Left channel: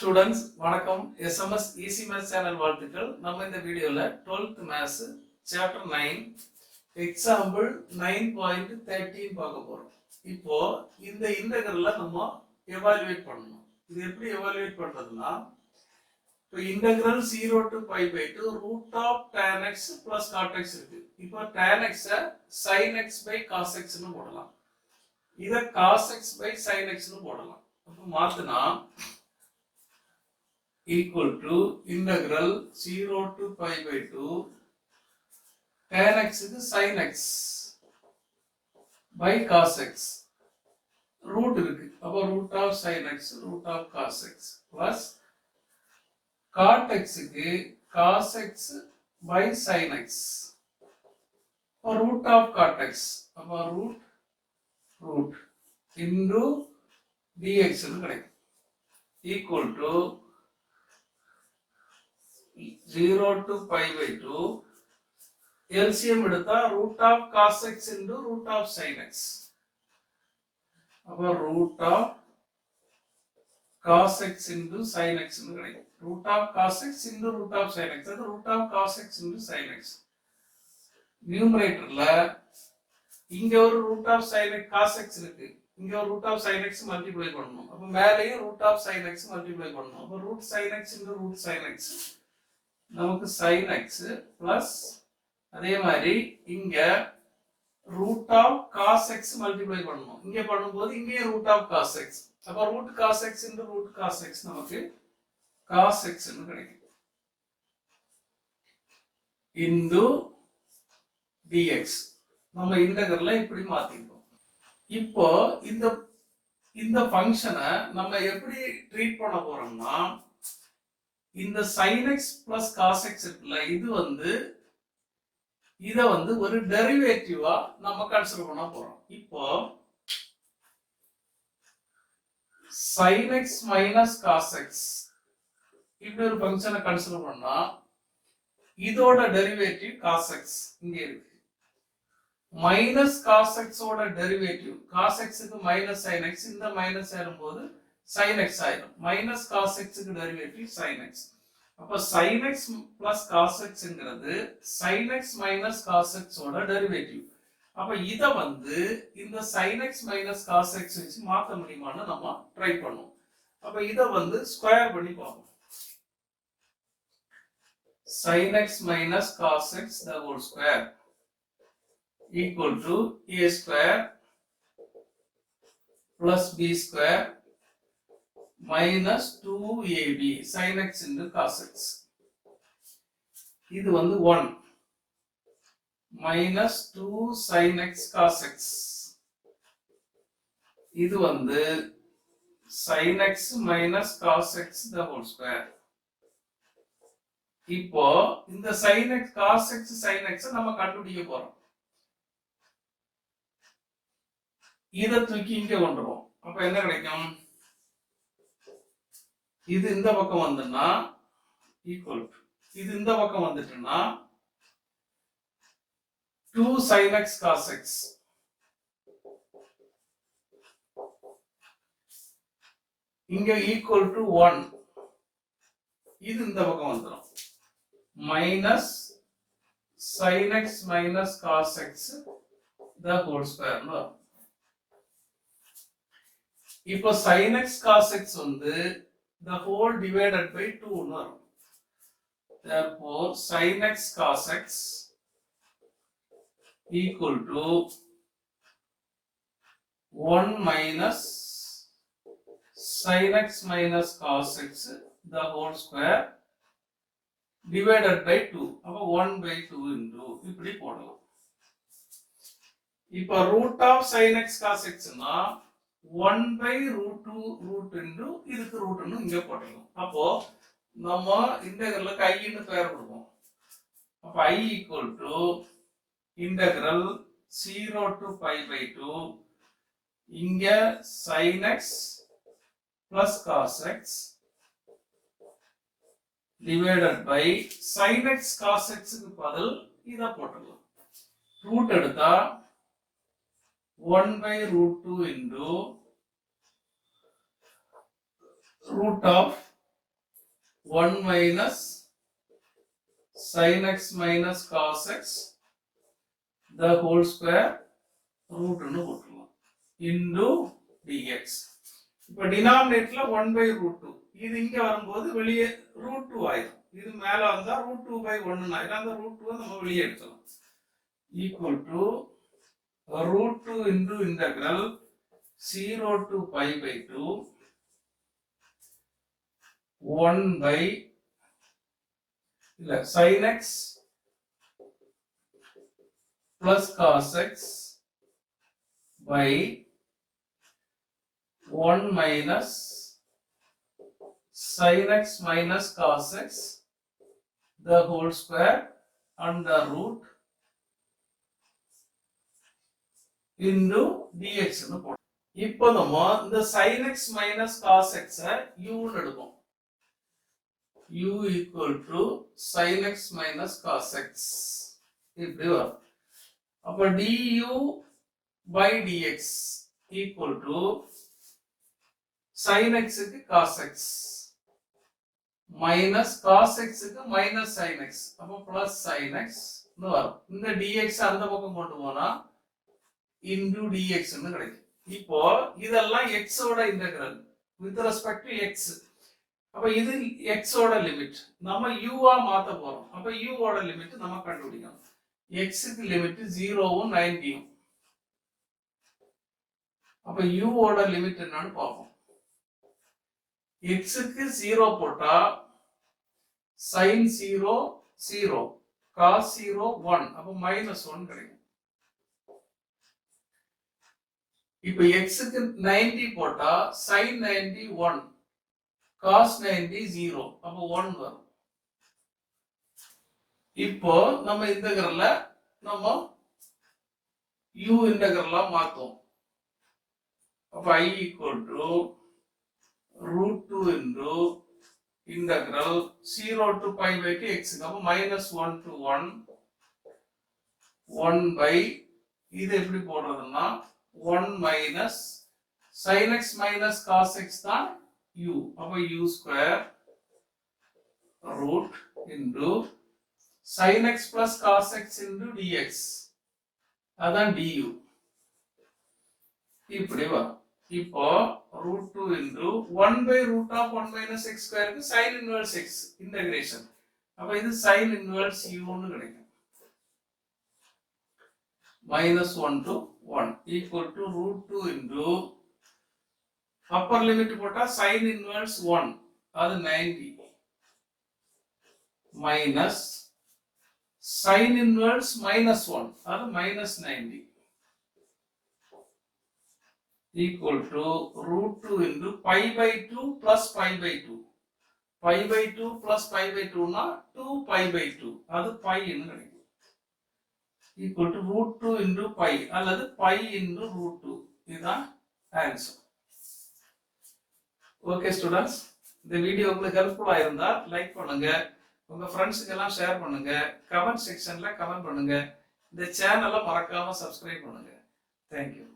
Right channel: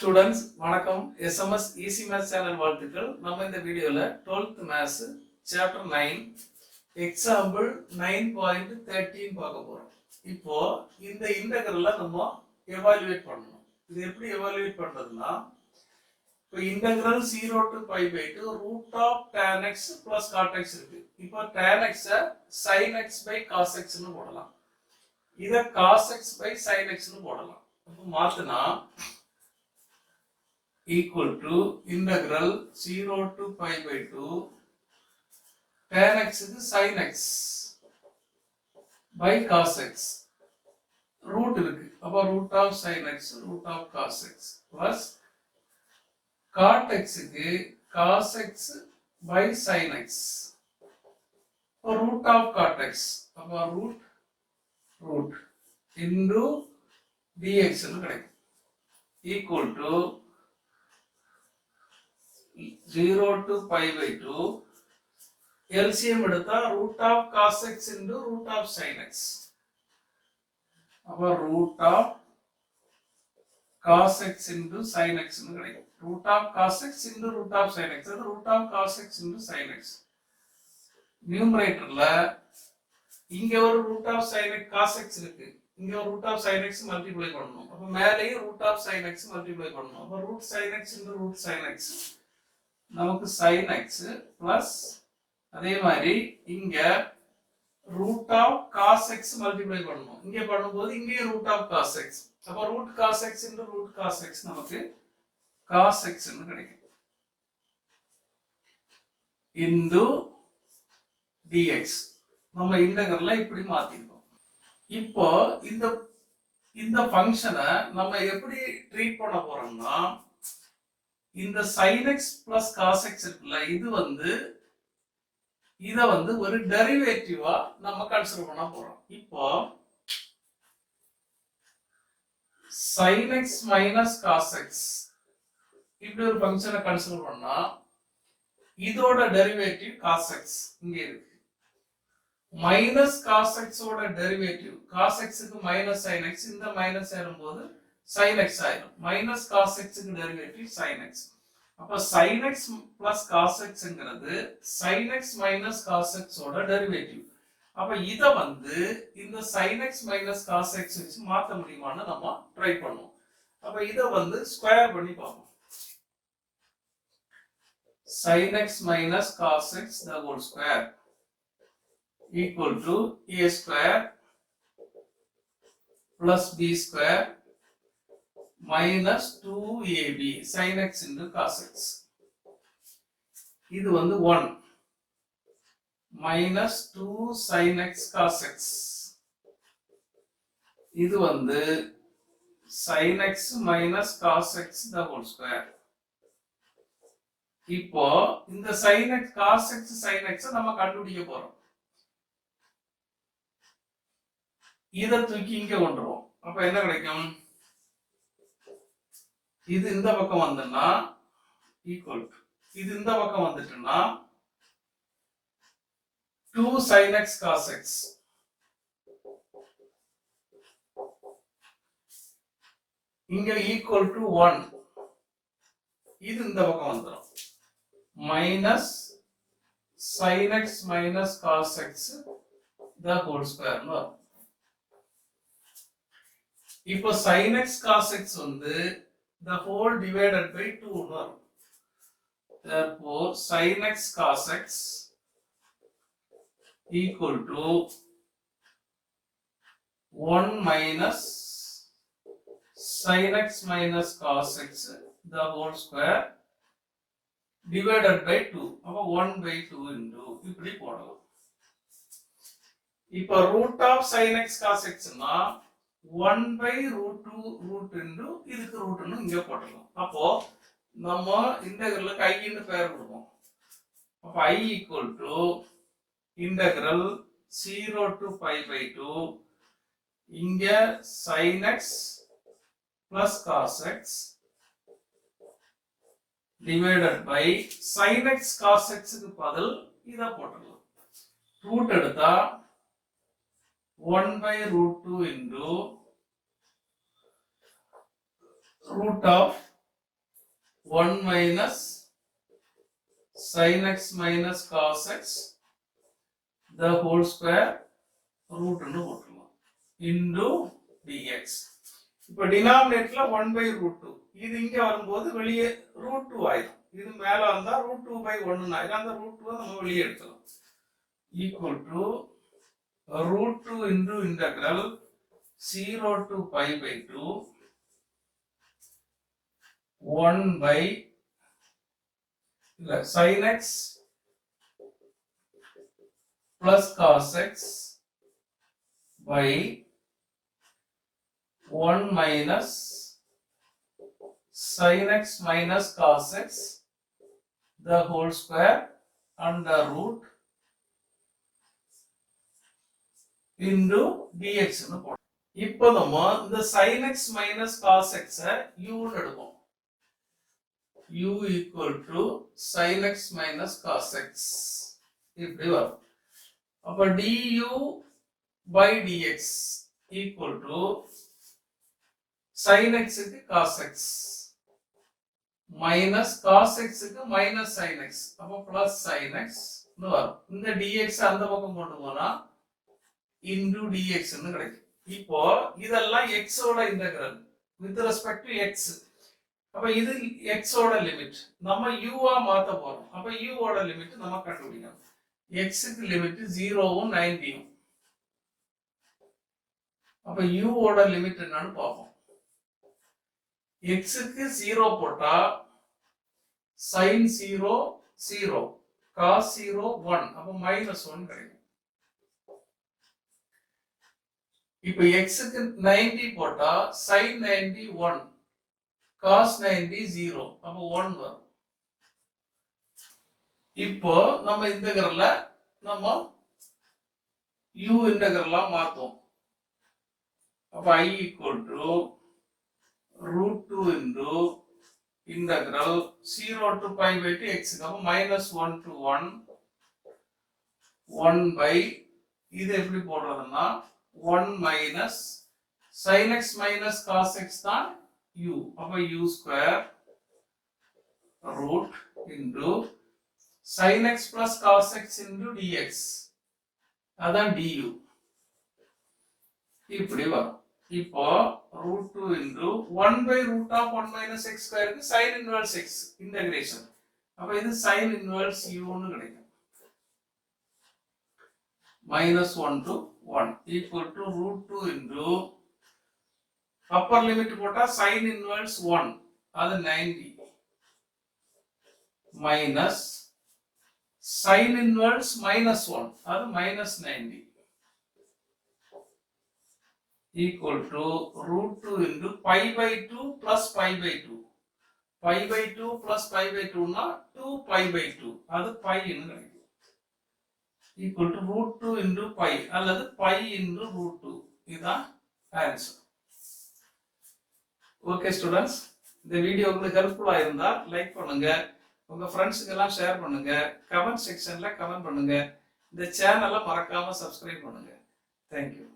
Students வணக்கம். SMS easy maths channel வாழ்த்துக்கள். நம்ம இந்த வீடியோல 12th மேத்ஸ் சாப்டர் 9 எக்ஸாம்பிள் 9.13 பார்க்க போறோம். இப்போ இந்த இன்டெகிரல்ல நம்ம எவாலுவேட் பண்ணணும். இது எப்படி எவாலுவேட் பண்றதுன்னா, இப்போ integral 0 to pi by 2 root of tan x plus cot x இருக்கு. இப்போ tan x sin x by cos x னு போடலாம். இத cos x by sin x னு போடலாம். அப்ப மாத்துனா equal to integral 0 to pi by 2 tan x is sin x by cos x root இருக்கு. அப்ப root of sin x root of cos x plus cot x க்கு cos x by sin x root of cot x அப்ப root into dx னு கிடைக்கும். equal to 0 to pi by 2 LCM எடுத்தா root of cos x into root of sin x அப்ப root of cos x into sin x னு கிடைக்கும். root of cos x into root of sin x அது root of cos x into sin x. நியூமரேட்டர்ல இங்க ஒரு root of sin x cos x இருக்கு, இங்க ஒரு root of sin x multiply பண்ணனும். அப்ப மேலேயும் root of sin x multiply பண்ணனும். அப்ப root sin x into root sin x நமக்கு sin x பிளஸ் அதே மாதிரி இங்க root of cos x multiply பண்ணனும். இங்க பண்ணும்போது இங்கே root of cos x அப்ப root cos x into root cos x நமக்கு cos x னு கிடைக்கும். into dx நம்ம இன்டெகிரல்ல இப்படி மாத்திட்டோம். இப்போ இந்த ஃபங்க்ஷனை நம்ம எப்படி ட்ரீட் பண்ண போறோம்னா, இந்த sin x plus cos x இருக்குல்ல, இத ஒரு டெரிவேட்டிவா நம்ம கன்சிடர் பண்ண போறோம். இப்போ sin x minus cos x இப்படி ஒரு ஃபங்க்ஷனை கன்சிடர் பண்ணா இதோட டெரிவேட்டிவ் cos x இங்க இருக்கு. மைனஸ் cos x ஓட டெரிவேட்டிவ் cos x க்கு மைனஸ் sin x, இந்த மைனஸ் சேரும்போது sin x ஆயிடும். மைனஸ் cos x க்கு டெரிவேட்டிவ் sin x. அப்ப sin x plus cos x ங்கிறது sin x minus cos x ஓட டெரிவேட்டிவ். அப்ப இத இந்த sin x minus cos x வச்சு மாத்த முடியுமான்னு நம்ம ட்ரை பண்ணுவோம். அப்ப இத ஸ்கொயர் பண்ணி பார்ப்போம். sin x minus cos x the whole square equal to a square plus b square minus 2ab sin x into cos x. இது 1 minus 2 sin x cos x. இது sin x minus cos x the whole square. இப்போ இந்த sin x cos x sin x நம்ம கண்டுபிடிக்க போறோம். இத தூக்கி இங்க கொண்டுருவோம். அப்ப என்ன கிடைக்கும்? இது இந்த பக்கம் வந்தனா ஈக்குவல் டு இது இந்த பக்கம் வந்துட்டனா 2 sin x cos x இங்க ஈக்குவல் டு 1 இது இந்த பக்கம் வந்துரும் minus sin x minus cos x the whole square னு. இப்போ sin x cos x the whole divided by 2 னு வரும். Therefore sin x cos x equal to 1 minus sin x minus cos x the whole square divided by 2. அப்ப 1 by 2 into இப்படி போடலாம். இப்போ root of sin x cos x னா 1 by root 2 root into இதுக்கு root னு இங்க போடலாம். அப்போ நம்ம இன்டெகிரலுக்கு I ன்னு பெயர் கொடுப்போம். அப்ப I equal to integral 0 to pi by 2 இங்க sin x plus cos x divided by sin x cos x க்கு பதில் இத போடலாம். ரூட் எடுத்தா 1 by root 2 into root of 1 minus sin x minus cos x the whole square root ன்னு போட்டுருவோம் into dx. இப்போ டினாமினேட்டர்ல 1 by root 2. இது இங்க வரும்போது வெளியே root 2 ஆயிடும். இது மேல வந்தா root 2 by 1 ஆயிடும். அந்த root 2 நம்ம வெளியே எடுத்துக்கலாம். equal to root 2 into integral 0 to pi by 2 1 by sin x plus cos x by 1 minus sin x minus cos x the whole square under root into dx ன்னு போடுறோம். இப்போ நம்ம இந்த sin x minus cos x u ன்னு எடுப்போம். u equal to sin x minus cos x இப்படி வரும். அப்ப du by dx equal to sin x க்கு cos x minus cos x க்கு minus sin x அப்ப plus sin x ன்னு வரும். இந்த dx அந்த பக்கம் கொண்டு போனா into dx ன்னு கிடைக்கும். இப்போ இதெல்லாம் x ஓட integral with respect to x. அப்ப இது x ஓட லிமிட் நம்ம u ஆ மாத்த போறோம். அப்ப u ஓட லிமிட் நம்ம கண்டுபிடிக்கணும். x க்கு லிமிட் 0 வும் 90 வும். அப்ப u ஓட லிமிட் என்னன்னு பாப்போம். x க்கு 0 போட்டா sin 0 0 cos 0 1 அப்ப -1 கிடைக்கும். இப்போ x க்கு 90 போட்டா sin 90 1 cos 90 0 அப்ப 1 வரும். இப்போ நம்ம இன்டகிரல்ல நம்ம u இன்டகிரலா மாத்துவோம். அப்ப I equal to root 2 into integral 0 to pi by 2 x அப்ப -1 to 1 1 by இது எப்படி போடுறதுன்னா 1 minus sin x minus cos x தான் u அப்ப u square root into sin x plus cos x into dx அதான் du இப்படி வரும். இப்போ root 2 into 1 by root of 1 minus x square க்கு sin inverse x integration அப்ப இது sin inverse u ன்னு கிடைக்கும். -1 to 1 equal to root 2 into upper limit போட்டா sin inverse 1 அது 90 minus sin inverse -1 அது -90 equal to root 2 into pi by 2 plus pi by 2 pi by 2 plus pi by 2 னா 2 pi by 2 அது pi ன்னு கிடைக்கும். equal to root 2 into pi அல்லது pi into root 2 இதுதான் answer. Okay students, இந்த video உங்களுக்கு ஹெல்ப்ஃபுல்லா இருந்தா லைக் பண்ணுங்க, உங்க ஃப்ரெண்ட்ஸுக்கு எல்லாம் ஷேர் பண்ணுங்க, கமெண்ட் செக்ஷன்ல கமெண்ட் பண்ணுங்க, இந்த சேனலை மறக்காம சப்ஸ்கிரைப் பண்ணுங்க. தேங்க்யூ.